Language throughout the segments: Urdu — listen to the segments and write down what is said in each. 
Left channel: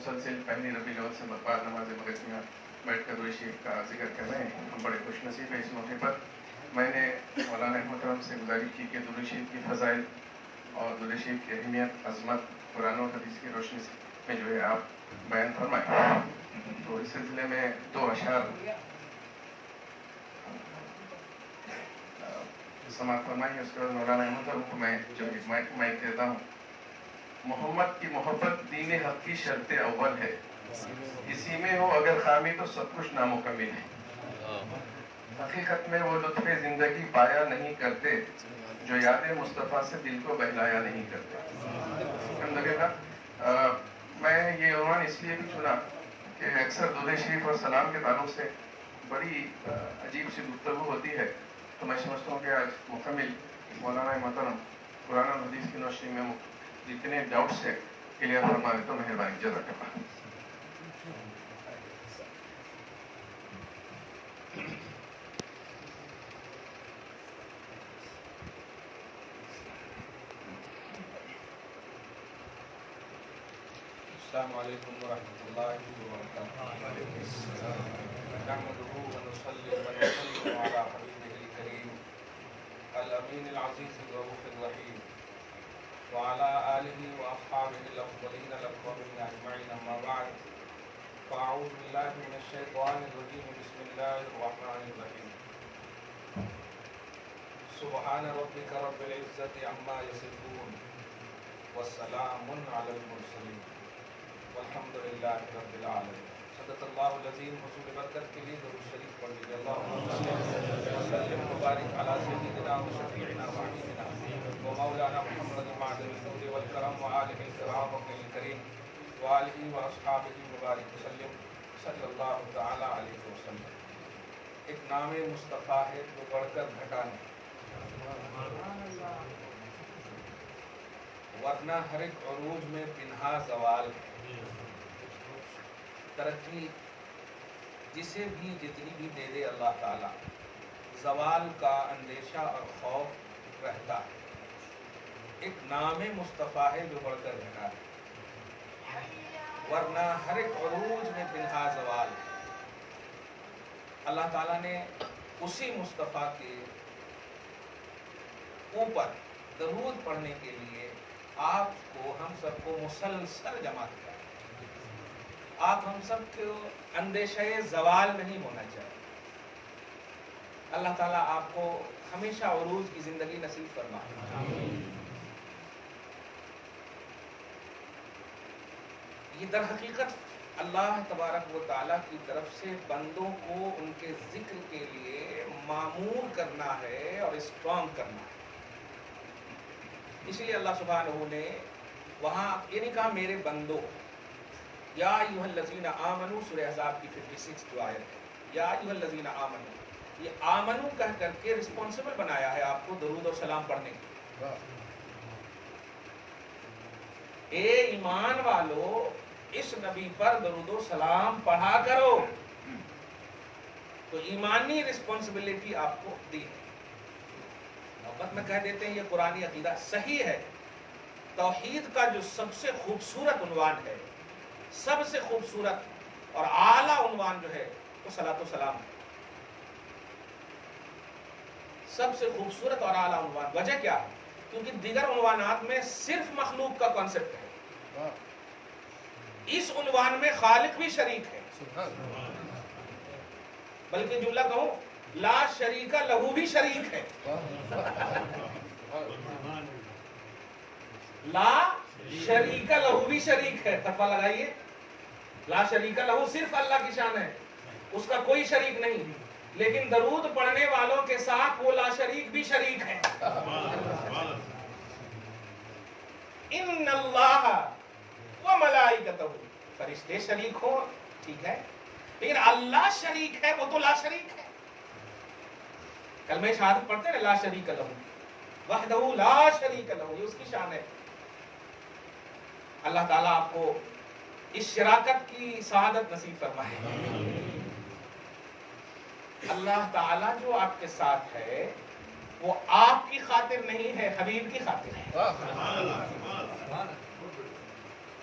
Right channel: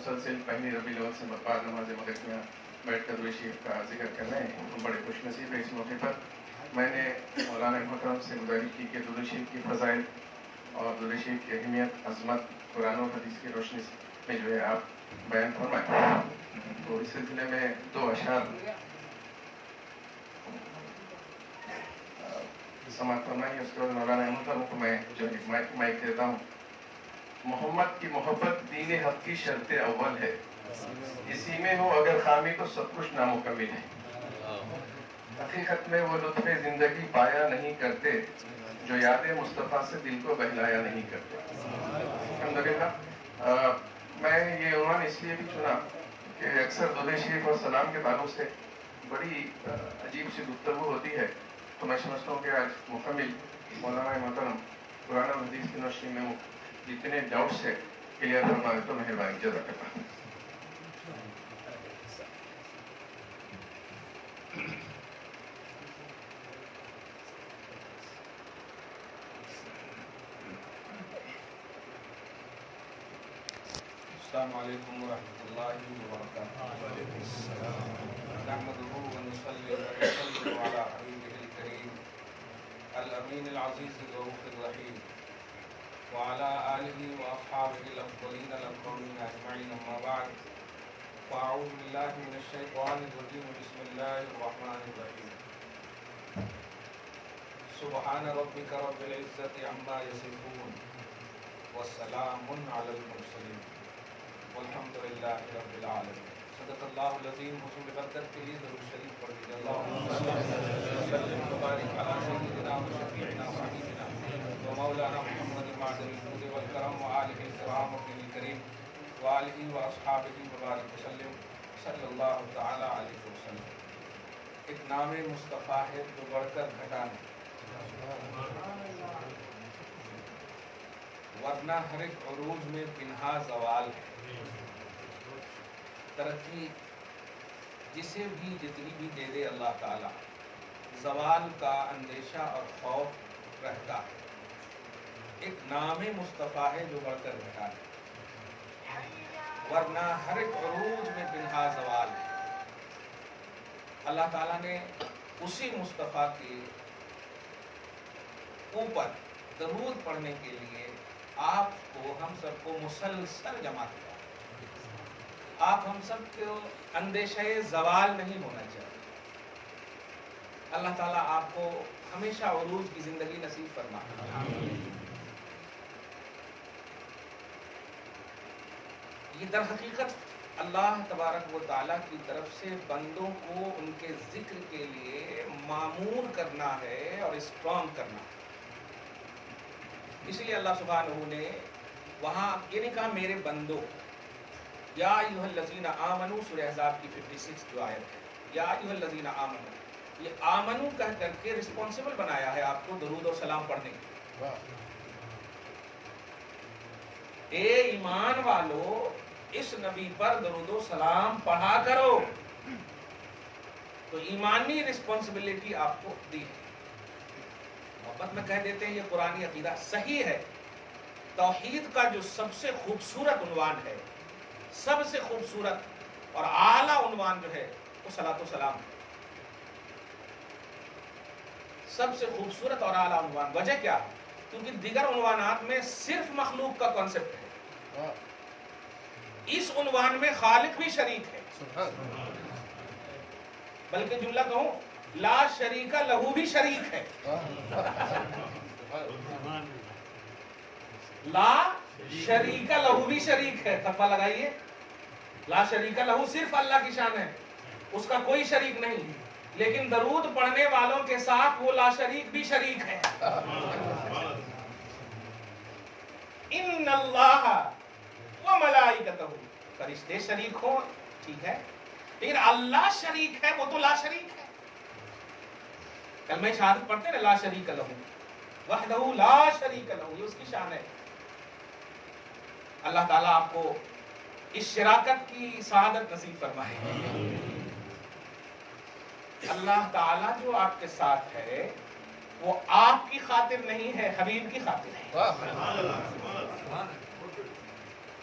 مسلسل پہلی ربیع الاول سے بعد نماز مغرب میں بیٹھ کر درود شریف کا ذکر کر رہے ہیں. ہم بڑے خوش نصیب ہیں. اس موقع پر میں نے مولانا محترم سے گزارش کی کہ درود شریف کی فضائل اور درود شریف کی اہمیت، عظمت قرآن و حدیث کی روشنی میں جو ہے آپ بیان فرمائیں. تو اس سلسلے میں دو اشعار سماعت فرمائیں. اس کے بعد مولانا محترم کو میں جو مائک دیتا ہوں. محمد کی محبت دین حق کی شرط اول ہے، کسی میں ہو اگر خامی تو سب کچھ نامکمل ہے. حقیقت میں وہ لطف زندگی پایا نہیں کرتے جو یاد مصطفیٰ سے دل کو بہلایا نہیں کرتے. الحمدللہ میں یہ عنوان اس لیے بھی چنا کہ اکثر درود شریف اور سلام کے تعلق سے بڑی عجیب سی گفتگو ہوتی ہے. تو میں سمجھتا ہوں کہ آج مکمل مولانا محترم قرآن و حدیث کی روشنی میں جتنے ڈاؤٹس ہے کلیئر فرما دے تو مہربانی. جزاک اللہ. السلام علیکم ورحمۃ اللہ وبرکاتہ. نحمده ونصلي ونسلم على حبیبہ الکریم الامین العزیز الرؤوف الرحیم وعلى آلہ واصحابہ الافضلین الاکرمین اجمعین. اما بعد فاعوذ باللہ من الشیطان الرجیم. بسم اللہ الرحمن الرحیم. سبحان ربک رب العزة عما یصفون والسلام علی المرسلین والحمد للہ رب العالمین. صدق اللہ العظیم. حصول برکت کے لیے درود شریف پڑھ لیجیے. اللہم صل وسلم وبارک علی سیدنا و شفیعنا و حبیبنا و مولانا محمد معدن الجود والکرم و آلہ الکرام الکریم و آلہ و اصحابہ وبارک وسلم صلی اللہ تعالی علیہ وسلم. ایک نام مصطفیٰ ہے جو بڑھ کر گھٹا نہیں، ورنہ ہر ایک عروج میں پنہا زوال ہے. ترقی جسے بھی جتنی بھی دے دے اللہ تعالی، زوال کا اندیشہ اور خوف رہتا ہے. ایک نام مصطفیٰ ہے جو بڑھ کر گھٹا ہے، ورنہ ہر ایک عروج میں پنہا زوال ہے. اللہ تعالیٰ نے اسی مصطفیٰ کے اوپر درود پڑھنے کے لیے آپ کو، ہم سب کو مسلسل جمع کیا. آپ ہم سب کو اندیشہ زوال نہیں ہونا چاہیے. اللہ تعالیٰ آپ کو ہمیشہ عروج کی زندگی نصیب فرمائے. یہ در حقیقت اللہ تبارک و تعالیٰ کی طرف سے بندوں کو ان کے ذکر کے لیے معمور کرنا ہے اور اسٹرانگ کرنا ہے. اس لیے اللہ سبحانہ نے وہاں یہ نہیں کہا میرے بندوں. یا ایھا الذین آمنوا سورہ احزاب کی 56 جو آیت ہے، یا ایھا الذین آمنوا، یہ آمنو کہہ کر کے رسپانسبل بنایا ہے آپ کو درود اور سلام پڑھنے کے. اے ایمان والو اس نبی پر درود و سلام پڑھا کرو. تو ایمانی رسپانسبلٹی آپ کو دی ہے. محبت میں کہہ دیتے ہیں یہ قرآنی عقیدہ صحیح ہے. توحید کا جو سب سے خوبصورت عنوان ہے، سب سے خوبصورت اور اعلیٰ عنوان جو ہے وہ صلاۃ و سلام ہے. سب سے خوبصورت اور اعلیٰ عنوان. وجہ کیا؟ کیونکہ دیگر عنوانات میں صرف مخلوق کا کانسیپٹ ہے، اس عنوان میں خالق بھی شریک ہے. بلکہ جملہ کہوں لا شریک لہو بھی شریک ہے. لا شریک لہو بھی شریک ہے. تقویٰ لگائیے. لا شریک لہو صرف اللہ کی شان ہے، اس کا کوئی شریک نہیں. لیکن درود پڑھنے والوں کے ساتھ وہ لا شریک بھی شریک ہے. ان اللہ و ملائکتہ، فرشتے شریک ہوں ٹھیک ہے، لیکن اللہ شریک ہے وہ تو لا شریک ہے. کلمہ شہادت پڑھتے ہیں لا شریک لہو وحدہ لا شریک لہو، یہ اس کی شان ہے. اللہ تعالیٰ آپ کو اس شراکت کی سعادت نصیب فرمائے. اللہ تعالیٰ جو آپ کے ساتھ ہے وہ آپ کی خاطر نہیں ہے، حبیب کی خاطر ہے.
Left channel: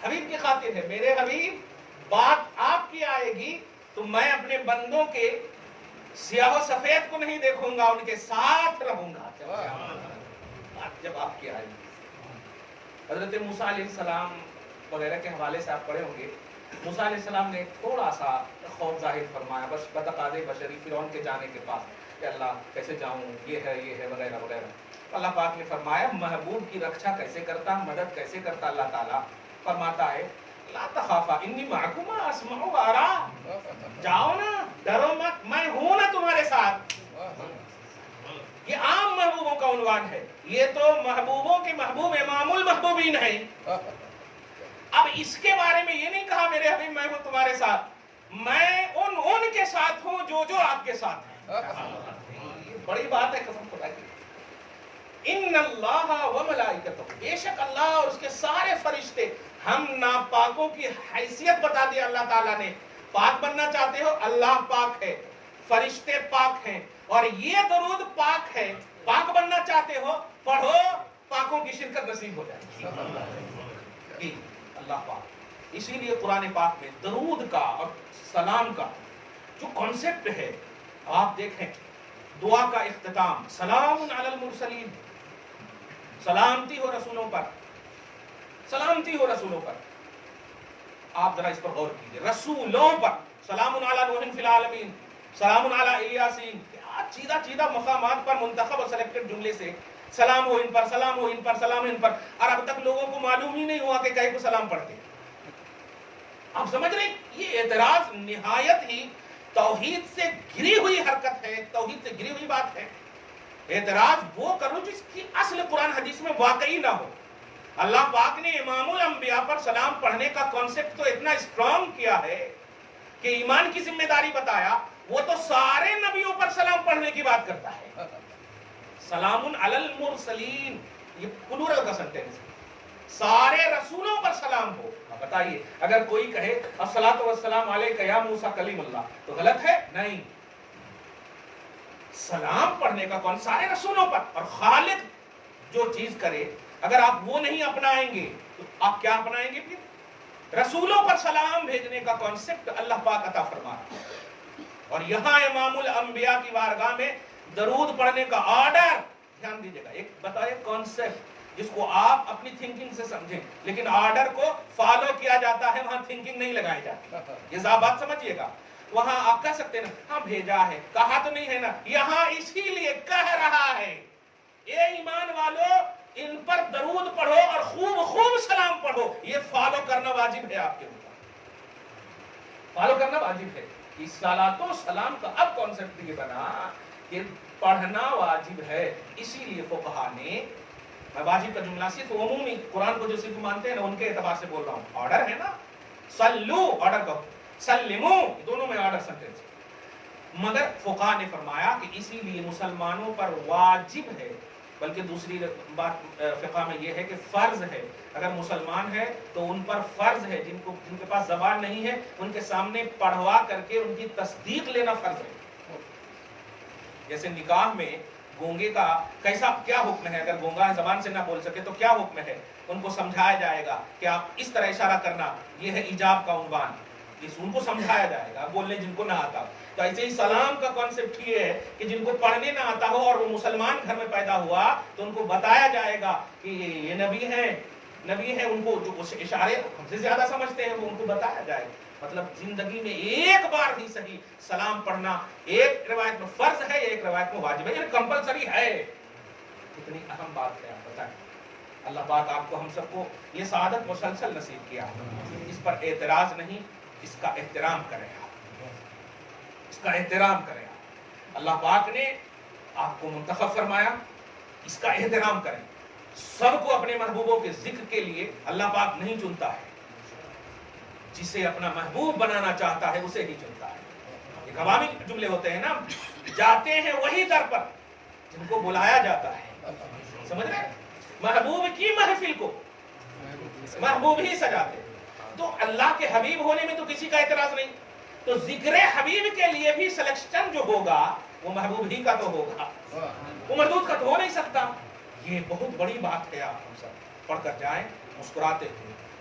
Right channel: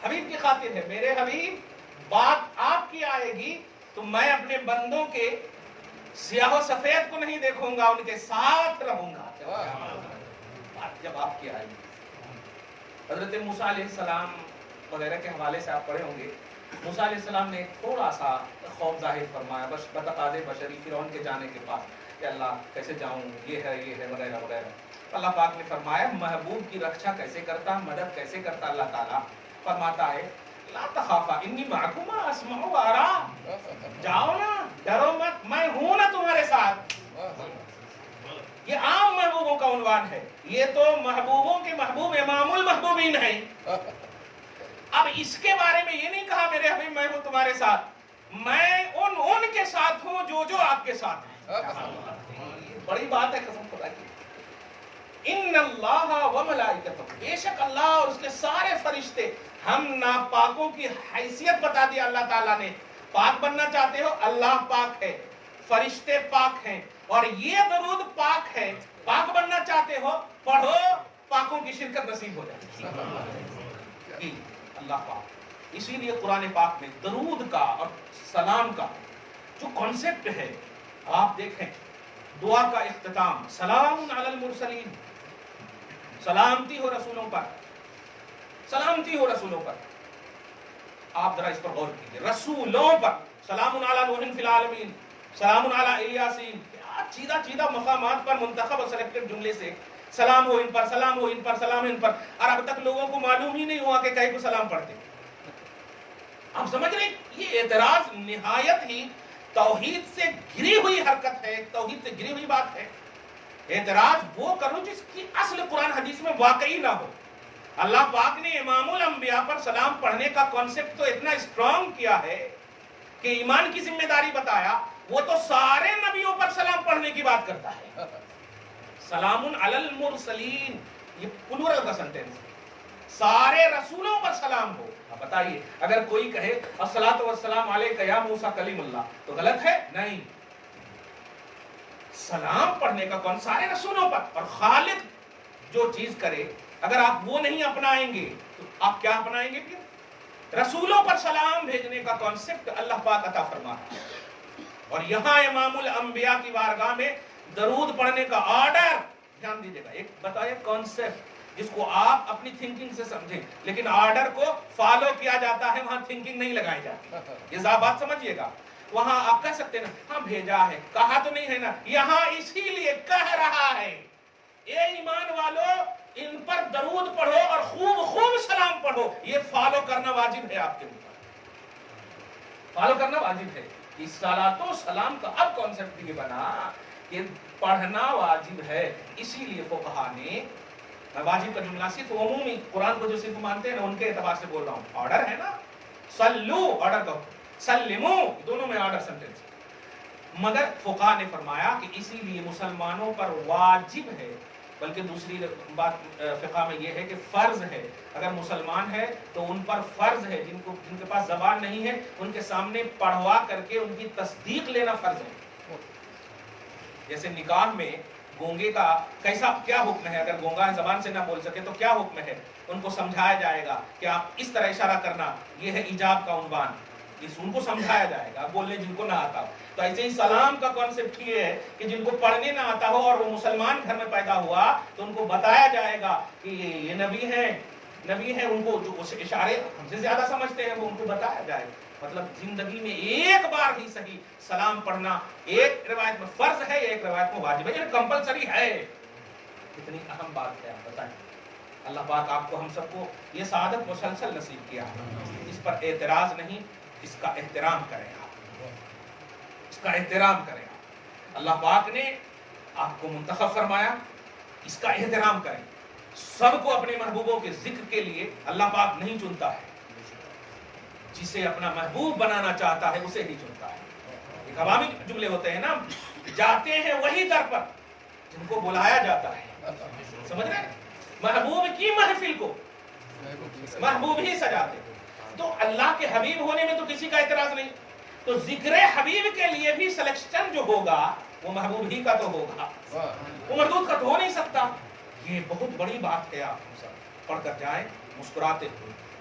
حبیب کی خاطر ہے. میرے حبیب بات آپ کی آئے گی تو میں اپنے بندوں کے سیاہ و سفید کو نہیں دیکھوں گا, ان کے ساتھ رہوں گا. بات جب آپ کی آئے گی. حضرت موسیٰ علیہ السلام وغیرہ کے حوالے سے آپ پڑھے ہوں گے. موسیٰ علیہ السلام نے تھوڑا سا خوف ظاہر فرمایا بتقاضے بشری فرعون کے جانے کے پاس کہ اللہ کیسے جاؤں, یہ ہے وغیرہ وغیرہ. اللہ پاک نے فرمایا محبوب کی رکشا کیسے کرتا, مدد کیسے کرتا. اللہ تعالیٰ فرماتا ہے لا تخافا انی معکما اسمع و ارى, جاؤ نا, ڈرو مت, میں ہوں نا تمہارے ساتھ. یہ عام محبوبوں کا عنوان ہے. یہ تو محبوبوں کے محبوب امام المحبوبین ہیں. اب اس کے بارے میں یہ نہیں کہا میرے حبیب میں ہوں تمہارے ساتھ, میں ان کے ساتھ ہوں جو آپ کے ساتھ ہیں. بڑی بات ہے قسم خدا کی. ان اللہ و ملائکتہ, بے شک اللہ اور اس کے سارے فرشتے. ہم ناپاکوں کی حیثیت بتا دی اللہ تعالیٰ نے. پاک بننا چاہتے ہو, اللہ پاک ہے, فرشتے پاک ہیں, اور یہ درود پاک ہے. پاک بننا چاہتے ہو, پڑھو, پاکوں کی شرکت نصیب ہو جائے. اللہ پاک. اسی لیے قرآن پاک میں درود کا اور سلام کا جو کانسیپٹ ہے, آپ دیکھیں دعا کا اختتام سلام علی المرسلین, سلامتی ہو رسولوں پر, سلامتی ہو رسولوں پر. آپ ذرا اس پر غور کیجئے. رسولوں پر سلام علی نوح فی العالمین, سلام علی الیاسین. چیدہ چیدہ مقامات پر منتخب اور سلیکٹڈ جملے سے سلام ہو ان پر, سلام ہو ان پر, سلام ان پر. اور اب تک لوگوں کو معلوم ہی نہیں ہوا کہ کہیں کو سلام پڑھتے. آپ سمجھ رہے, یہ اعتراض نہایت ہی توحید سے گری ہوئی حرکت ہے, توحید سے گری ہوئی بات ہے. اعتراض وہ کرو جس کی اصل قرآن حدیث میں واقعی نہ ہو. اللہ پاک نے امام الانبیاء پر سلام پڑھنے کا کانسیپٹ تو اتنا اسٹرانگ کیا ہے کہ ایمان کی ذمہ داری بتایا. وہ تو سارے نبیوں پر سلام پڑھنے کی بات کرتا ہے. سلام علی المرسلین, یہ پلورل کا سنٹینس ہے. سارے رسولوں پر سلام ہو. اب بتائیے اگر کوئی کہے الصلاۃ والسلام علیک یا موسیٰ کلیم اللہ, تو غلط ہے؟ نہیں. سلام پڑھنے کا کون, سارے رسولوں پر. اور خالق جو چیز کرے اگر آپ وہ نہیں اپنائیں گے تو آپ کیا اپنائیں گے پھر؟ رسولوں پر سلام بھیجنے کا کانسیپٹ اللہ پاک عطا فرماتا ہے. اور یہاں امام الانبیاء کی بارگاہ میں درود پڑھنے کا آرڈر, دھیان دیجیے گا, ایک بتائیے کانسیپٹ جس کو آپ اپنی تھنکنگ سے سمجھیں, لیکن آرڈر کو فالو کیا جاتا ہے, وہاں تھنکنگ نہیں لگائی جاتی. یہ بات سمجھیے گا. وہاں آپ کہہ سکتے ہیں نا ہاں بھیجا ہے, کہا تو نہیں ہے نا, یہاں اسی لیے کہہ رہا ہے اے ایمان والو ان پر درود پڑھو اور خوب خوب سلام پڑھو. یہ فالو کرنا واجب ہے آپ کے اوپر, فالو کرنا واجب ہے. اس صلاۃ و سلام کا اب کانسیپٹ یہ بنا کہ پڑھنا واجب ہے. اسی لیے فقہا نے, میں واجب کا جملہ صرف عمومی قرآن کو جو صرف مانتے ہیں نا ان کے اعتبار سے بول رہا ہوں. آرڈر ہے نا, سلو آرڈر کا, سلمو دونوں میں آرڈر سنٹینس ہے. مگر فقہا نے فرمایا کہ اسی لیے مسلمانوں پر واجب ہے, بلکہ دوسری بات فقہ میں یہ ہے کہ فرض ہے. اگر مسلمان ہے تو ان پر فرض ہے, جن کے پاس زبان نہیں ہے ان کے سامنے پڑھوا کر کے ان کی تصدیق لینا فرض ہے. جیسے نکاح میں گونگے کا کیسا کیا حکم ہے, اگر گونگا زبان سے نہ بول سکے تو کیا حکم ہے, ان کو سمجھایا جائے گا کہ آپ اس طرح اشارہ کرنا, یہ ہے ایجاب کا عنوان, ان کو سمجھایا جائے گا, بولنے جن کو نہ آتا. تو ایسے ہی سلام کا کانسیپٹ یہ ہے کہ جن کو پڑھنے نہ آتا ہو اور وہ مسلمان گھر میں پیدا ہوا تو ان کو بتایا جائے گا کہ یہ نبی ہے, ان کو جو اشارے ہم سے زیادہ سمجھتے ہیں وہ ان کو بتایا جائے گا. مطلب زندگی میں ایک بار ہی صحیح سلام پڑھنا ایک روایت میں فرض ہے, ایک روایت میں واجب ہے, یعنی کمپلسری ہے. کتنی اہم بات ہے, آپ بتائیں. اللہ پاک آپ کو ہم سب کو یہ سعادت مسلسل نصیب کیا. اس پر اعتراض نہیں, اس کا احترام کریں آپ, اس کا احترام کریں آپ. اللہ پاک نے آپ کو منتخب فرمایا, اس کا احترام کریں. سب کو اپنے محبوبوں کے ذکر کے لیے اللہ پاک نہیں چنتا ہے, جسے اپنا محبوب بنانا چاہتا ہے اسے ہی چنتا ہے. ایک عوامی جملے ہوتے ہیں نا, جاتے ہیں وہی در پر جن کو بلایا جاتا ہے. سمجھ رہے ہیں, محبوب کی محفل کو محبوب ہی سجاتے. تو اللہ کے حبیب ہونے میں تو کسی کا اعتراض نہیں, تو ذکر حبیب کے لیے بھی سلیکشن جو ہوگا وہ محبوب ہی کا تو ہوگا, وہ مردود کا تو ہو نہیں سکتا. یہ بہت بڑی بات ہے, آپ ہم سب پڑھ کر جائیں مسکراتے ہوئے.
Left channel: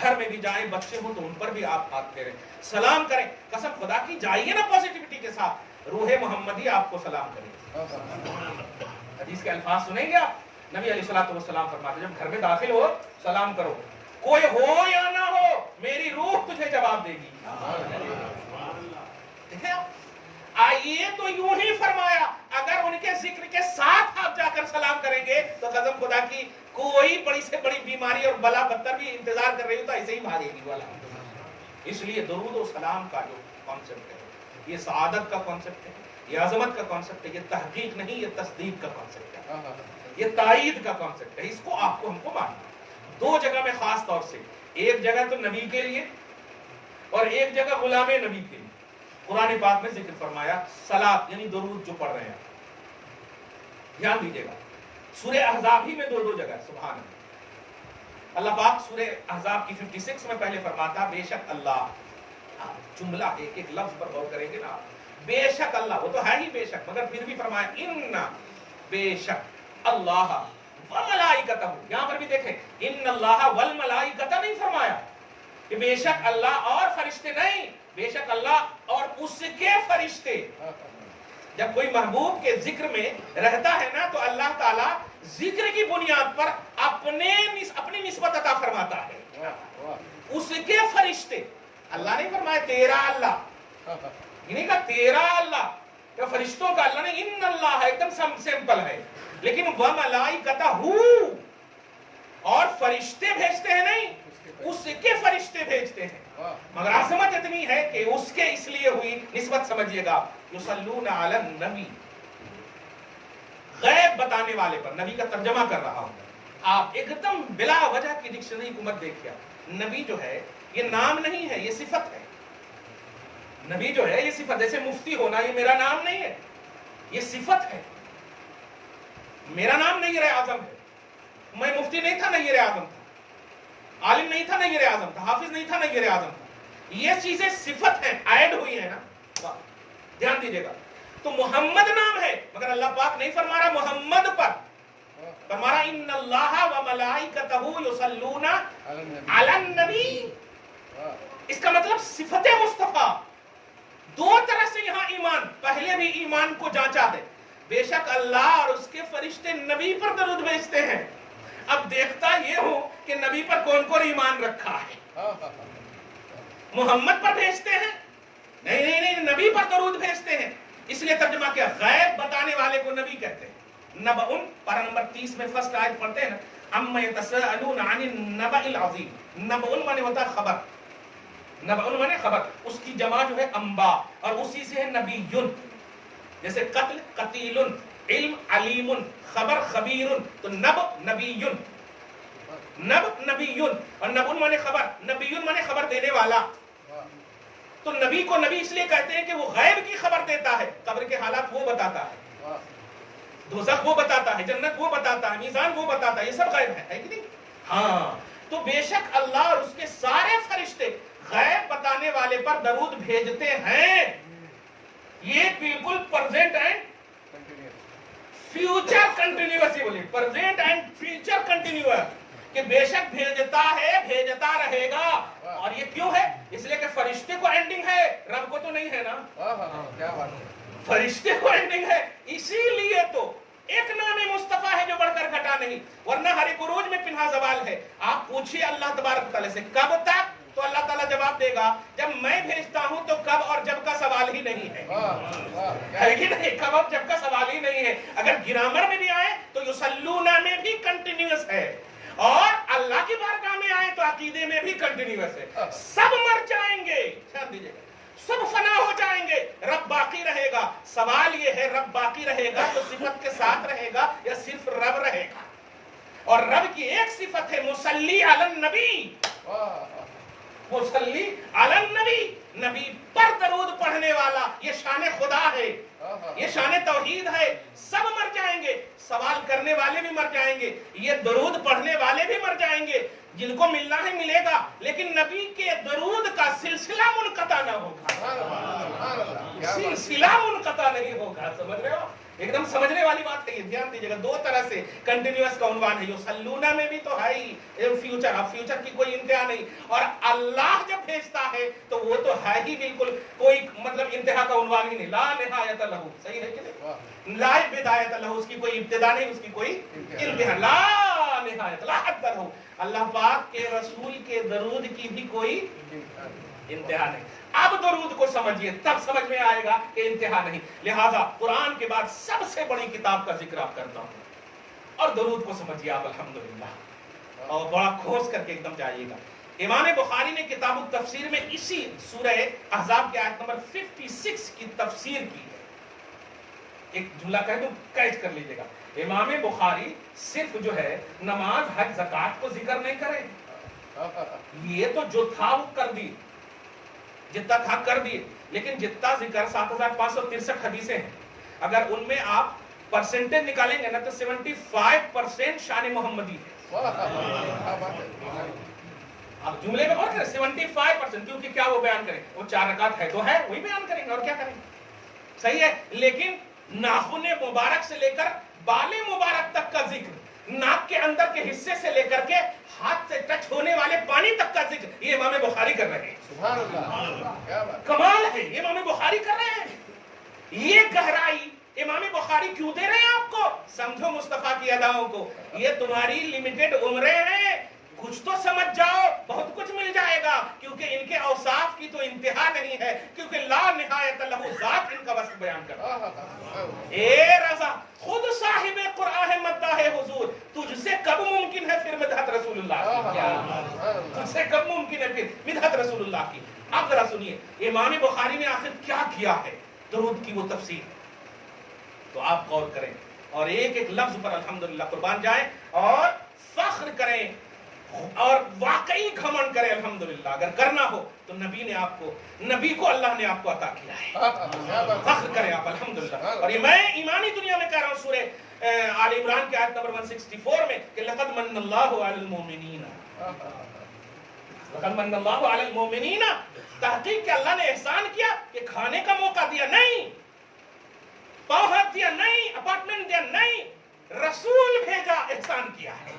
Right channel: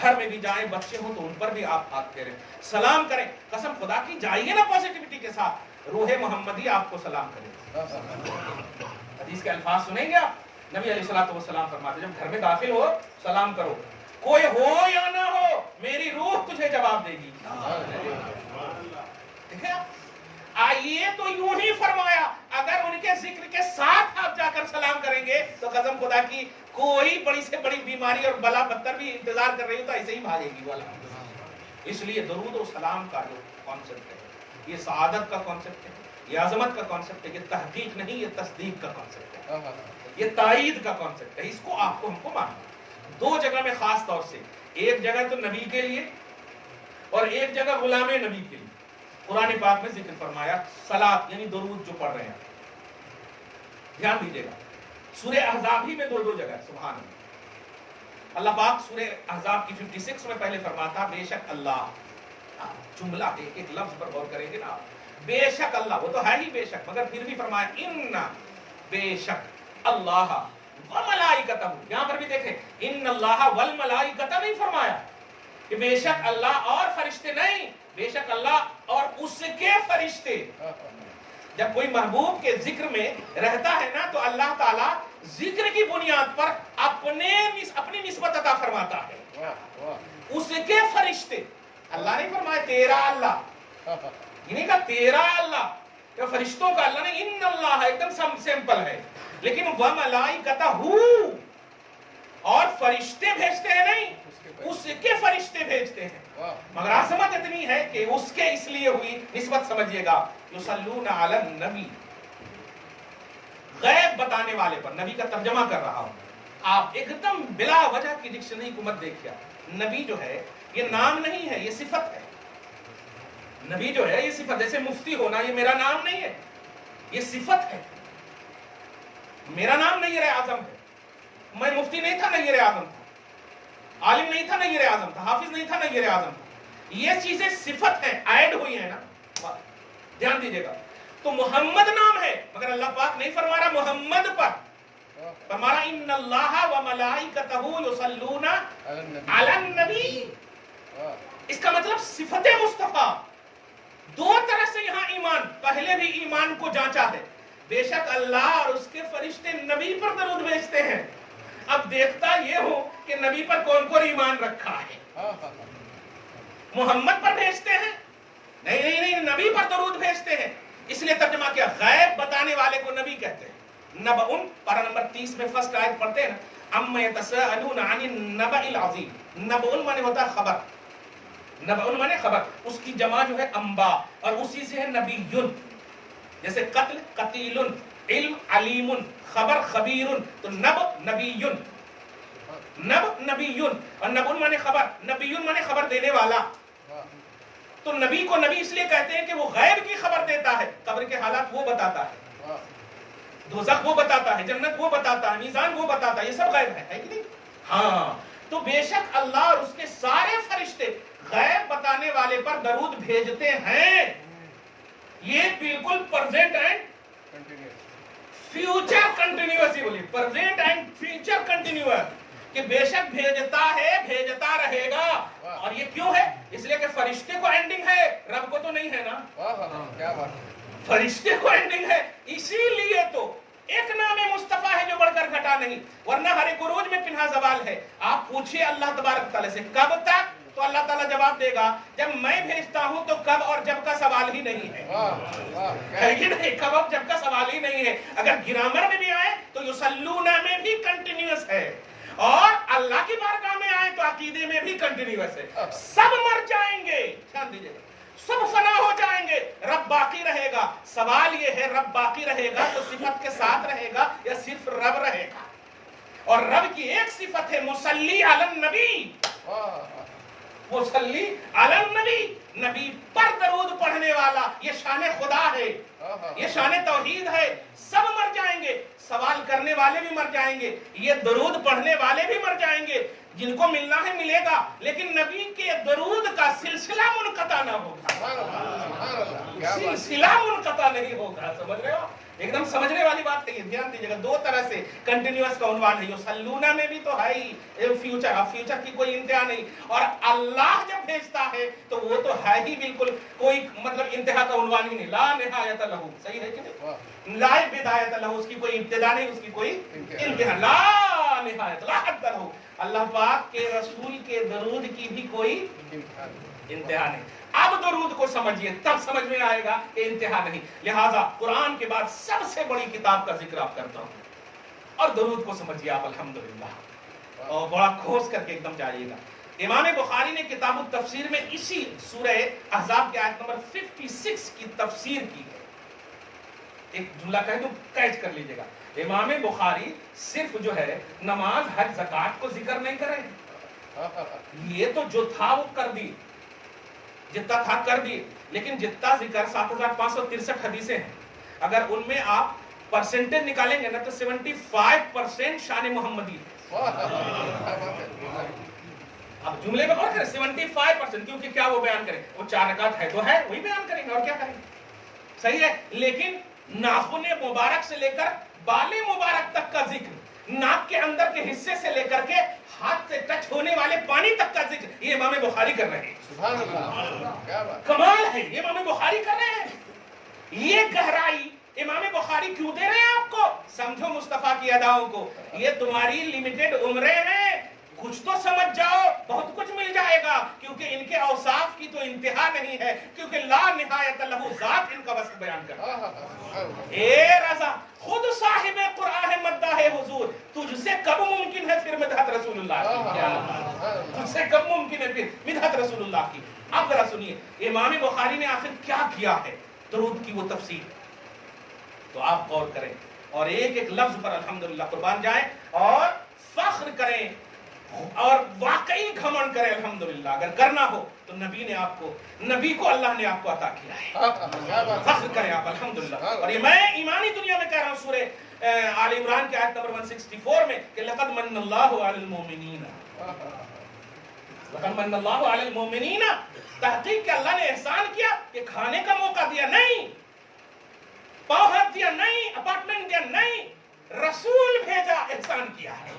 گھر میں بھی جائیں, بچے ہوں تو ان پر بھی آپ ہاتھ پھیریں, سلام کریں. قسم خدا کی جائیے نا پازیٹیوٹی کے ساتھ, روح محمدی آپ کو سلام کرے. حدیث کے الفاظ سنیں گے آپ, نبی علیہ الصلوۃ والسلام فرماتے جب گھر میں داخل ہو سلام کرو, کوئی ہو یا نہ ہو میری روح تجھے جواب دے گی. دیکھیں آئیے تو یوں ہی فرمایا, اگر ان کے ذکر کے ساتھ آپ جا کر سلام کریں گے تو قسم خدا کی کوئی بڑی سے بڑی بیماری اور بلا بدتر بھی انتظار کر رہی ہو تو ایسے ہی بھاگے گی. اس لیے درود و سلام کا جو کانسیپٹ ہے یہ سعادت کا کانسیپٹ ہے, یہ عظمت کا کانسیپٹ ہے, یہ تحقیق نہیں یہ تصدیق کا کانسیپٹ ہے, یہ تائید کا کانسیپٹ ہے. اس کو آپ کو ہم کو ماننا دو جگہ میں خاص طور سے, ایک جگہ تو نبی کے لیے اور ایک جگہ غلام نبی کے لیے. قرآن پاک میں ذکر فرمایا صلاۃ یعنی درود جو پڑھ رہے ہیں, دھیان دیجیے گا سورہ احزاب ہی میں دو جگہ ہے. سبحان اللہ, اللہ پاک سورہ احزاب کی 56 میں پہلے فرماتا بے شک اللہ, جملہ ایک لفظ پر غور کریں گے نا, بے شک اللہ, وہ تو ہے ہی بے شک, مگر پھر بھی فرمایا ان بے شک اللہ وملائکتہ. یہاں پر بھی دیکھیں ان اللہ والملائکتہ نہیں فرمایا کہ بے شک اللہ اور فرشتے, نہیں, بے شک اللہ اور اس کے فرشتے. جب کوئی محبوب کے ذکر میں رہتا ہے نا تو اللہ تعالیٰ ذکر کی بنیاد پر اپنی نسبت عطا فرماتا ہے. اس کے فرشتے, اللہ نہیں فرمایا تیرا اللہ, یہ نہیں کہا تیرا اللہ, تو فرشتوں کا اللہ نہیں, ان اللہ ہے ایک دم سمپل ہے, لیکن وملائکتہ اور فرشتے بھیجتے ہیں نہیں, اس کے فرشتے بھیجتے ہیں. مگر عظمت اتنی ہے کہ اس کے اس لیے ہوئی نسبت سمجھیے گا, یصلون علی النبی, غیب بتانے والے پر. نبی کا ترجمہ کر رہا ہوں, آپ ایک دم بلا وجہ کی ڈکشنری کو مت دیکھیا. نبی جو ہے یہ نام نہیں ہے, یہ صفت ہے. نبی جو ہے یہ صفت, جیسے مفتی ہونا یہ میرا نام نہیں ہے, یہ صفت ہے. میرا نام نیر اعظم ہے, میں مفتی نہیں تھا نیر اعظم تھا, عالم نہیں تھا نیر اعظم تھا, حافظ نہیں تھا نیر اعظم تھا. یہ چیزیں صفت ہیں, ایڈ ہوئی ہیں نا, دھیان دیجیے گا. تو محمد نام ہے مگر اللہ پاک نہیں فرما رہا محمد پر, فرما رہا ان اللہ وملائکتہ یصلون علی النبی. اس کا مطلب صفت مصطفیٰ. دو طرح سے یہاں ایمان, پہلے بھی ایمان کو جانچا ہے, بے شک اللہ اور اس کے فرشتے نبی پر درود بھیجتے ہیں. اب دیکھتا یہ ہو کہ نبی پر کون کون ایمان رکھا ہے. محمد پر بھیجتے ہیں نہیں, نبی پر درود بھیجتے ہیں. اس لیے ترجمہ کیا, غیب بتانے والے کو نبی کہتے ہیں. نبأ پارہ نمبر 30 میں فرسٹ آیت پڑھتے ہیں نا, اما یتساءلون عن النبأ العظیم. نبأ مانے ہوتا ہے خبر, نبأ مانے خبر, اس کی جمع جو ہے انباء, اور اسی سے ہے نبیٌ. جیسے قتل قتیل, علم علیم, خبر خبیر, تو نبأ نبیٌ, نبأ نبیٌ, اور نبأ مانے خبر, نبیٌ مانے خبر دینے والا. تو نبی کو نبی اس لیے کہتے ہیں کہ وہ غیب کی خبر دیتا ہے, قبر کے حالات وہ بتاتا ہے, دوزخ وہ بتاتا ہے, جنت وہ بتاتا ہے, میزان وہ بتاتا ہے, یہ سب غیب ہے کہ نہیں. ہاں, تو بے شک اللہ اور اس کے سارے فرشتے غیب بتانے والے پر درود بھیجتے ہیں. یہ بالکل پرزینٹ اینڈ فیوچر کنٹینیوس ہی بولی, پرزینٹ اینڈ فیوچر کنٹینیوس, کہ بے شک بھیجتا ہے, بھیجتا رہے گا. اور یہ کیوں ہے, اس لیے کہ فرشتے کو اینڈنگ ہے, رب کو تو نہیں ہے نا. فرشتے کو اینڈنگ ہے, اسی لیے تو ایک نام مصطفیٰ ہے جو بڑھ کر گھٹا نہیں, ورنہ ہر ایک عروج میں پنہا زوال ہے. آپ پوچھئے اللہ تبارک تعالیٰ سے کب تک, تو اللہ تعالیٰ جواب دے گا جب میں بھیجتا ہوں, تو کب اور جب کا سوال ہی نہیں ہے. ہے کہ نہیں, کب اور جب کا سوال ہی نہیں ہے. اگر گرامر میں بھی آئے تو یصلون میں بھی کنٹینیوس ہے, اور اللہ کی بارگاہ میں آئے تو عقیدے میں بھی کنٹینیوس ہے. سب مر جائیں گے, دھیان دیجیے گا, سب فنا ہو جائیں گے, رب باقی رہے گا. سوال یہ ہے رب باقی رہے گا تو صفت کے ساتھ رہے گا یا صرف رب رہے گا. اور رب کی ایک صفت ہے مصلی علی النبی, مصلی علی النبی, نبی پر درود پڑھنے والا. یہ شان خدا ہے, یہ شان توحید ہے. سب مر جائیں گے, سوال کرنے والے بھی مر جائیں گے, یہ درود پڑھنے والے بھی مر جائیں گے. جن کو ملنا ہے ملے گا, لیکن نبی کے درود کا سلسلہ منقطع نہ ہوگا, سلسلہ منقطع نہیں ہوگا. سمجھ رہے ہو, ایک دم سمجھنے والی بات ہے یہ، دھیان دیجیے گا. دو طرح سے کنٹینیوس کا عنوان ہے. یصلون میں بھی تو ہے ہی فیوچر، اب فیوچر کی کوئی انتہا نہیں. اور اللہ جب بھیجتا ہے تو وہ تو ہے ہی بالکل کوئی مطلب انتہا کا عنوان ہی نہیں. لا نہایت لہو، صحیح ہے کہ نہیں؟ لا بدایت لہو، اس کی کوئی ابتدا نہیں، اس کی کوئی انتہا. لا نہایت، لا حد لہو. اللہ پاک کے رسول کے درود کی بھی کوئی انتہا نہیں. اب درود کو سمجھیے تب سمجھ میں آئے گا کہ انتہا نہیں. لہذا قرآن کے بعد سب سے بڑی کتاب کا ذکر آپ کرتا ہوں، اور درود کو سمجھیے آپ الحمدللہ، اور بڑا کھوس کر کے ایک دم جائیے گا. امام بخاری نے کتاب التفسیر میں اسی سورہ احزاب کی آیت نمبر 56 کی تفسیر کی ہے. ایک جملہ کہہ دوں، کیچ کر لیجیے گا. امام بخاری صرف جو ہے نماز حج زکات کو ذکر نہیں کرے، یہ تو جو تھا وہ کر دی، جتنا تھا کر دی. لیکن جتنا ذکر 7563 حدیثیں ہیں، اگر ان میں آپ پرسنٹیج نکالیں گے نا تو 75% شان محمدی ہے. اب جملے میں غور کریں، 75%، کیونکہ کیا وہ بیان کریں؟ وہ 4 رکعت ہے تو ہے، وہی بیان کریں گے، اور کیا کریں گے؟ صحیح ہے. لیکن ناخن مبارک سے لے کر بال مبارک تک کا ذکر، ناک کے اندر کے حصے سے لے کر کے ہاتھ سے ٹچ ہونے والے پانی تک کا ذکر، یہ امام بخاری کر رہے ہیں. سبحان اللہ، کمال ہے، یہ امام بخاری کر رہے ہیں. یہ گہرائی امام بخاری کیوں دے رہے ہیں آپ کو؟ سمجھو مصطفیٰ کی اداؤں کو. یہ تمہاری لمیٹڈ عمریں ہیں، کچھ تو سمجھ جاؤ، بہت کچھ مل جائے گا. کیونکہ ان کے اوصاف کی تو انتہا نہیں ہے، کیونکہ لا نہایت لہو، ذات ان کا وصف بیان کرتا ہے. اے رضا، خود صاحب قرآن ہے مداح حضور، تجھ سے کب ممکن ہے پھر مدحت رسول اللہ کی؟ تجھ سے کب ممکن ہے پھر مدحت رسول اللہ کی؟ اب ذرا سنیے امام بخاری نے آخر کیا کیا ہے درود کی وہ تفسیر، تو آپ غور کریں اور ایک ایک لفظ پر الحمدللہ قربان جائیں اور فخر کریں اور واقعی گھمنڈ کریں الحمدللہ. اگر کرنا ہو تو نبی کو اللہ نے آپ کو عطا کیا ہے، فخر کریں آپ الحمدللہ. اور یہ میں ایمانی دنیا میں کہہ رہا ہوں، سورہ آل عمران کی آیت نمبر 164 میں کہ لقد من اللہ علی المومنین، لقد من اللہ علی المومنین، تحقیق کہ اللہ نے احسان کیا کہ کھانے کا موقع دیا نہیں، پاؤں ہاتھ دیا نہیں، اپارٹمنٹ دیا نہیں، رسول بھیجا، احسان کیا ہے.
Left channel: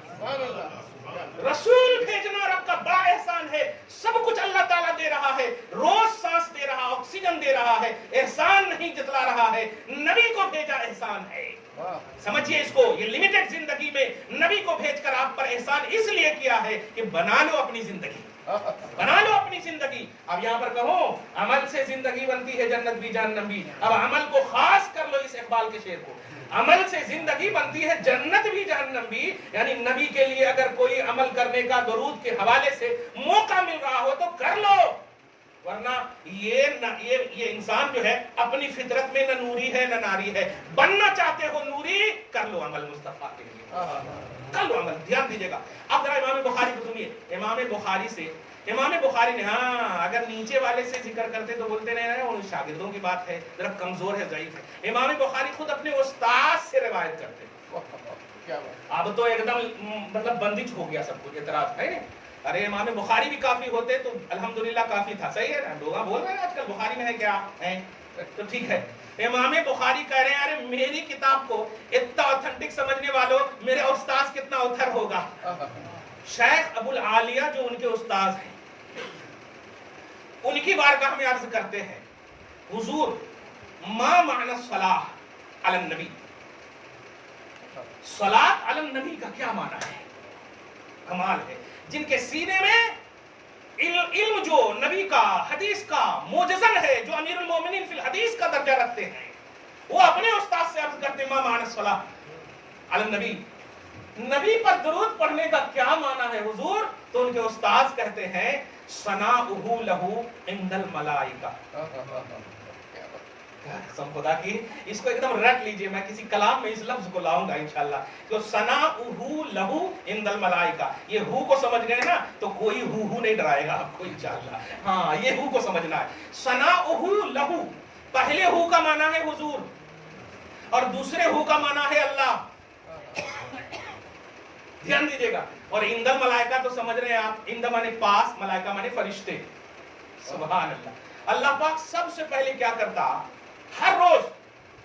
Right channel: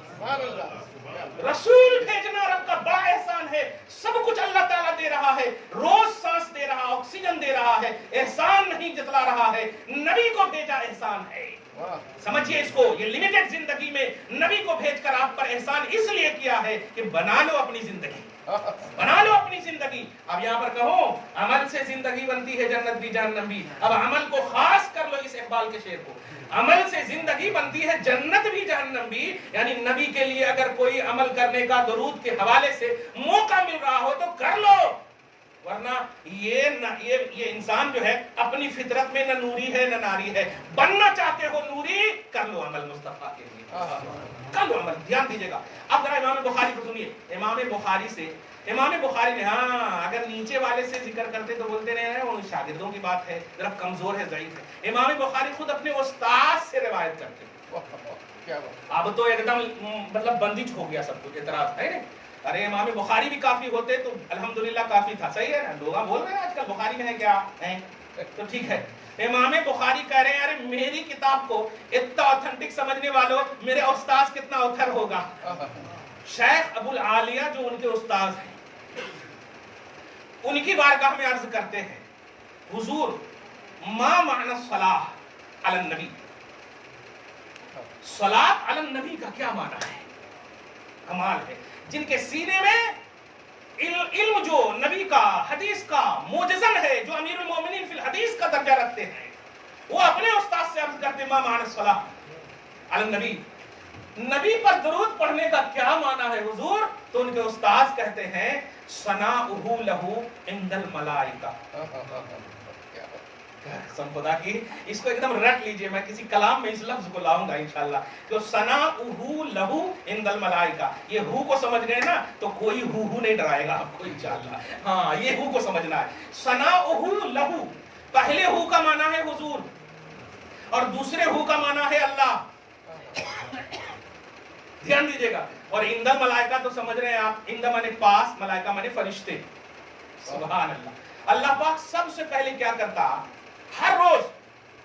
رسول بھیجنا رب کا بڑا احسان ہے. سب کچھ اللہ تعالیٰ دے رہا ہے، روز سانس دے رہا، آکسیجن دے رہا ہے، احسان نہیں جتلا رہا ہے. نبی کو بھیجا، احسان ہے. سمجھیے اس کو، یہ لمیٹڈ زندگی میں نبی کو بھیج کر آپ پر احسان اس لیے کیا ہے کہ بنا لو اپنی زندگی، بنا لو اپنی زندگی. اب یہاں پر کہو عمل سے زندگی بنتی ہے جنت بھی جہنم بھی. اب عمل کو خاص کر لو اس اقبال کے شعر کو، عمل سے زندگی بنتی ہے جنت بھی جہنم بھی. یعنی نبی کے لیے اگر کوئی عمل کرنے کا درود کے حوالے سے موقع مل رہا ہو تو کر لو، ورنہ یہ انسان جو ہے اپنی فطرت میں نہ نوری ہے نہ ناری ہے. بننا چاہتے ہو نوری، کر لو عمل مصطفیٰ کے لیے، کر لو عمل. دھیان دیجیے گا. اب ذرا امام بخاری کو سنیے. امام بخاری نے اگر نیچے والے سے ذکر کرتے تو بولتے نہیں وہ شاگردوں کی بات ہے، ذرا کمزور ہے، ضعیف ہے. امام بخاری خود اپنے استاد سے روایت کرتے. اب تو ایک دم مطلب بندش ہو گیا سب کچھ، اعتراض ہے. ارے امام بخاری بھی کافی ہوتے تو الحمدللہ کافی تھا. صحیح ہے نا؟ لوگ بول رہے ہیں آج کل بخاری میں ہے کیا ہے تو ٹھیک ہے. امام بخاری کہہ رہے ہیں ارے میری کتاب کو اتنا اوتھنٹک سمجھنے والوں، میرے استاذ کتنا اوتھر ہوگا. شیخ ابو العالیہ جو ان کے استاذ ہیں، ان کی بارگاہ میں عرض کرتے ہیں حضور ما معنی الصلاۃ علی النبی، صلاۃ علی النبی کا کیا معنی ہے؟ کمال ہے. جن کے سینے میں علم جو نبی کا، حدیث کا موجزن ہے، جو امیر المومنین فی الحدیث کا درجہ رکھتے ہیں، وہ اپنے استاد سے عرض کرتے ما معنی الصلاۃ علی النبی، نبی پر درود پڑھنے کا کیا معنی ہے حضور؟ تو ان کے استاد کہتے ہیں ثناؤہ لہو عند الملائکہ. قسم خدا کی اس کو ایک دم رٹ لیجئے، میں کسی کلام میں اس لفظ کو لاؤں گا انشاءاللہ کہ ثناؤہ لہو عند الملائکہ. یہ ہو کو سمجھ گئے نا تو کوئی ہو نہیں ڈرائے گا آپ کو انشاءاللہ. ہاں یہ ہو کو سمجھنا ہے. ثناؤہ لہو، پہلے ہو کا معنی ہے حضور اور دوسرے ہو کا معنی ہے اللہ. دھیان دیجیے گا. اور عند الملائکہ تو سمجھ رہے ہیں آپ، عند مانے پاس، ملائکہ مانے فرشتے. سبحان اللہ. اللہ پاک سب سے پہلے کیا کرتا؟ ہر روز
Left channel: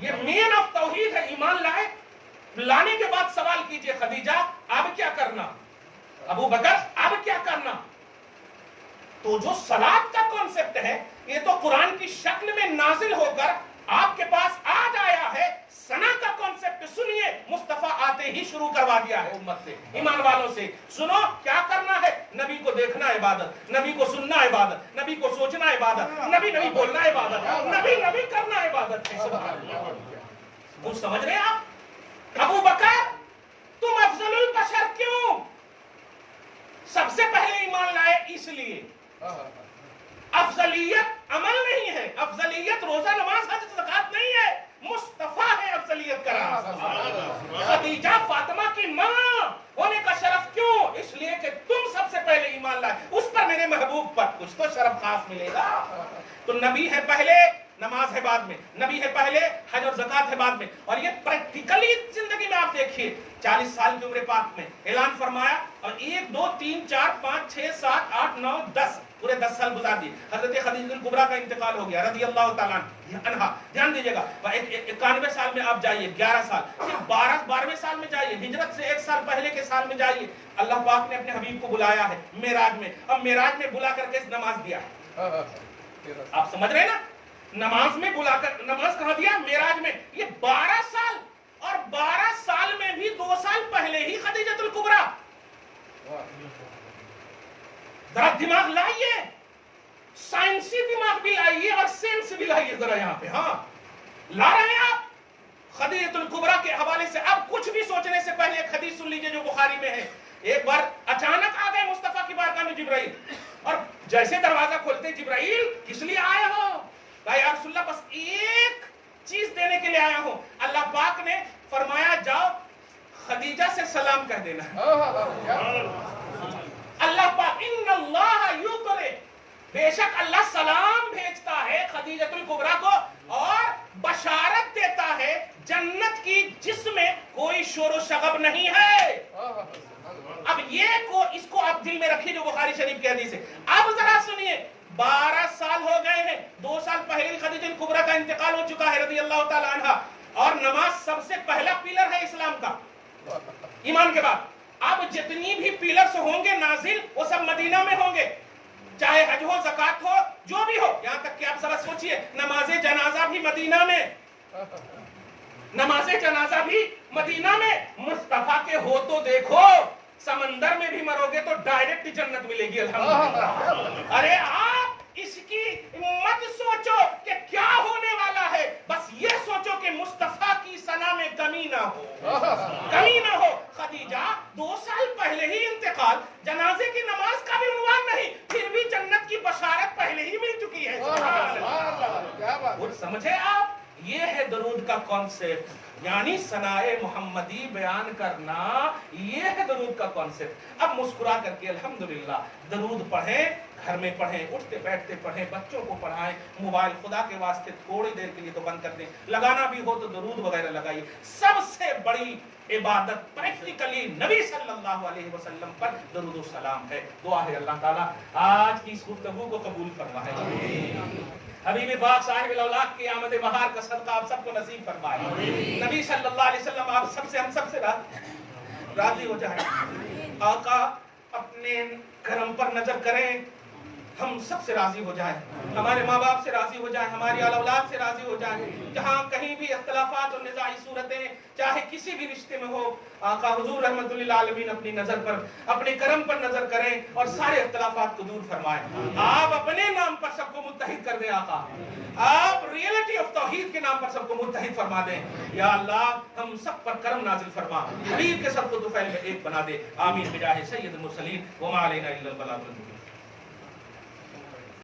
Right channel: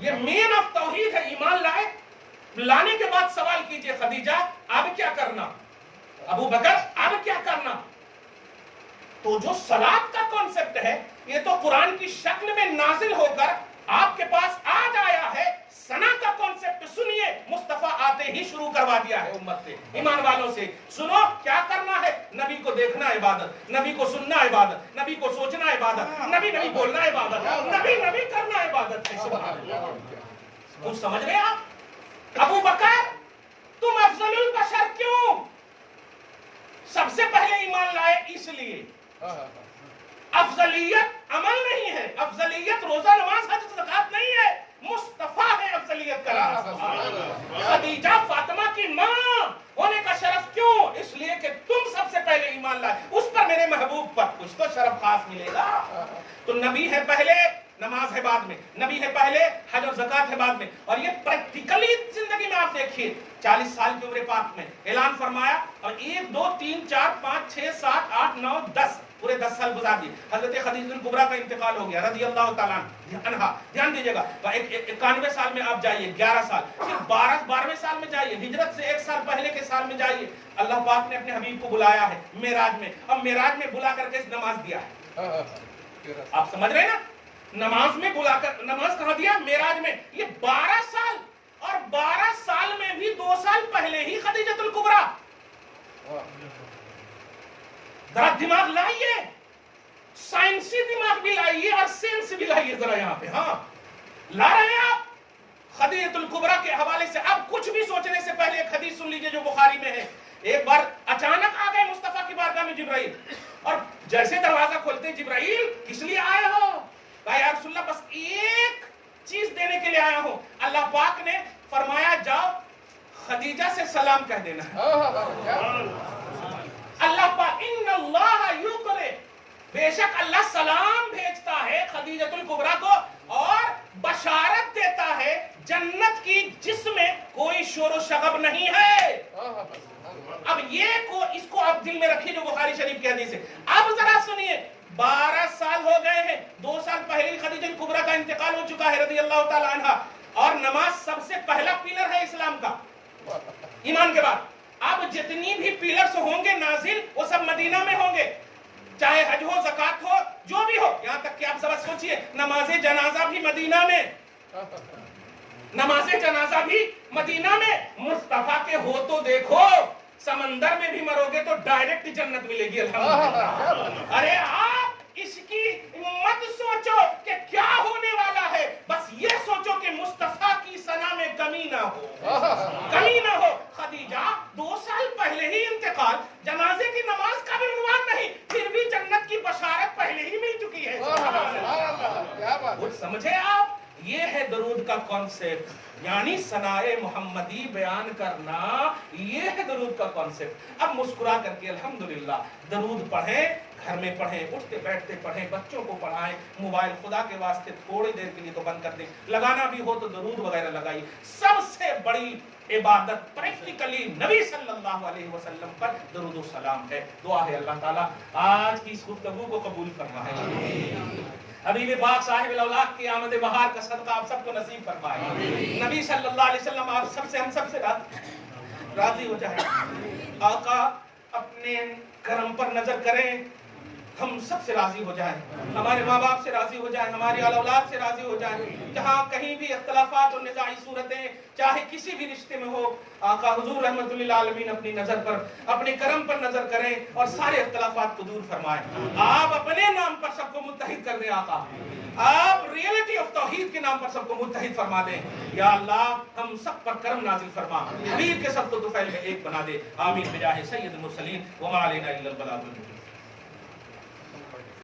یہ مین آف توحید ہے. ایمان لائے, لانے کے بعد سوال کیجئے خدیجہ اب کیا کرنا, ابو بکر اب کیا کرنا. تو جو صلات کا کانسیپٹ ہے یہ تو قرآن کی شکل میں نازل ہو کر آپ کے پاس آج آیا ہے. سنا کا کانسیپٹ سنیے, مصطفیٰ آتے ہی شروع کروا دیا ہے امت سے, ایمان والوں سے. سنو کیا کرنا ہے, نبی کو دیکھنا عبادت, نبی کو سننا عبادت, نبی کو سوچنا عبادت, نبی نبی بولنا عبادت, نبی نبی کرنا عبادت ہے. سبحان اللہ. کچھ سمجھ رہے آپ؟ ابو بکر تم افضل البشر کیوں؟ سب سے پہلے ایمان لائے اس لیے. افضلیت عمل نہیں ہے, افضلیت روزہ نماز حج زکات نہیں ہے, مصطفیٰ ہے افضلیت کا راز. خدیجہ فاطمہ کی ماں ہونے کا شرف کیوں؟ اس لیے کہ تم سب سے پہلے ایمان لائے, اس پر میرے محبوب پر کچھ تو شرف خاص ملے گا. تو نبی ہے پہلے, نماز ہے بعد میں, نبی ہے پہلے, حج اور زکات ہے بعد میں. اور یہ پریکٹیکلی زندگی میں آپ دیکھیے, 40 سال کی عمر پاک میں اعلان فرمایا اور 1 2 3 4 5 6 7 8 9 10 پورے 10 سال گزار دیے. حضرت خدیجہ الکبریٰ کا انتقال ہو گیا رضی اللہ تعالیٰ عنہا. دھیان دیجیے گا, 91 سال میں آپ جائیے, 11 سال, پھر 12ویں سال میں جائیے, ہجرت سے 1 سال پہلے کے سال میں جائیے. اللہ پاک نے اپنے حبیب کو بلایا ہے معراج میں, اور معراج میں بلا کر کے نماز دیا ہے. آپ سمجھ رہے ہیں نا, نماز میں بلا کر نماز کہاں دیا؟ معراج میں. یہ 12 سال, اور 12 سال میں بھی 2 سال پہلے ہی خدیجہ الکبریٰ. ذرا دماغ لائیے, سائنسی دماغ بھی لائیے اور سینس بھی لائیے ذرا یہاں پہ. ہاں لا رہے ہیں آپ خدیجہ الکبریٰ کے حوالے سے. اب کچھ بھی سوچنے سے پہلے ایک حدیث سن لیجئے جو بخاری میں ہے. ایک بار اچانک آ گئے مصطفیٰ کی بارگاہ میں جبرائیل, اور جیسے دروازہ کھولتے, جبرائیل کس لیے آئے ہو؟ کہا یا رسول اللہ بس ایک چیز دینے کے لیے آیا ہوں. اللہ پاک نے فرمایا جاؤ خدیجہ سے سلام کہہ دینا. اللہ پاک ان اللہ یقرئ, بے شک اللہ سلام بھیجتا ہے خدیجہ الکبریٰ کو اور بشارت دیتا ہے جنت کی جس میں کوئی شور و شغب نہیں ہے. اب اس کو آپ دل میں رکھیے جو بخاری شریف کی حدیث ہے. اب ذرا سنیے, 12 سال ہو گئے ہیں, 2 سال پہلے ہی خدیجہ الکبریٰ کا انتقال ہو چکا ہے رضی اللہ تعالی عنہا, اور نماز سب سے پہلا پیلر ہے اسلام کا, ایمان کے بعد. اب جتنی بھی پیلرز ہوں گے نازل وہ سب مدینہ میں ہوں گے, چاہے حج ہو, زکات ہو, جو بھی ہو. یہاں تک کہ آپ ذرا سوچئے, نماز جنازہ بھی مدینہ میں, نماز جنازہ بھی مدینہ میں. مصطفیٰ کے ہو تو دیکھو, سمندر میں بھی مرو گے تو ڈائریکٹ جنت ملے گی الحمدللہ. ارے آپ اس کی مت سوچو کہ کیا ہونے والا ہے, بس یہ سوچو کہ مصطفیٰ کی ثنا میں کمی نہ ہو, کمی نہ ہو. خدیجہ 2 سال پہلے ہی انتقال, جنازے کی نماز کا بھی عنوان نہیں, پھر بھی جنت کی بشارت پہلے ہی مل چکی ہے. کچھ سمجھے آپ؟ یہ ہے درود کا کانسیپٹ, یعنی ثنائے محمدی بیان کرنا, یہ ہے درود کا کانسیپٹ. اب مسکرا کر کے الحمدللہ درود پڑھیں, گھر میں پڑھیں, اٹھتے بیٹھتے پڑھیں, بچوں کو پڑھائیں. موبائل خدا کے واسطے تھوڑی دیر کے لیے تو بند کر دیں, لگانا بھی ہو تو درود وغیرہ لگائیے. سب سے بڑی عبادت پریکٹیکلی نبی صلی اللہ علیہ وسلم پر درود و سلام ہے. دعا ہے اللہ تعالیٰ آج کی اس گفتگو کو قبول فرمائے. حبیب پاک صاحب الاولاق کی آمد بہار کا صدقہ آپ سب کو نصیب فرمائے. نبی صلی اللہ علیہ وسلم آپ سب سے, ہم سب سے راضی ہو جائیں. آقا اپنے کرم پر نظر کریں, ہم سب سے راضی ہو جائیں, ہمارے ماں باپ سے راضی ہو جائیں, ہماری اولاد سے راضی ہو جائیں. جہاں کہیں بھی اختلافات اور نزاعی صورتیں چاہے کسی بھی رشتے میں ہو, آقا حضور رحمت للعالمین اپنی نظر پر, اپنے کرم پر نظر کریں اور سارے اختلافات کو دور فرمائیں. آپ اپنے نام پر سب کو متحد کر دیں آقا, آپ ریئلٹی آف توحید کے نام پر سب کو متحد فرما دیں. یا اللہ ہم سب پر کرم نازل فرما, حبیب کے سب کو طفیل میں ایک بنا دے. آمین بجاہ سید المرسلین وما علینا الا البلاغ المبین.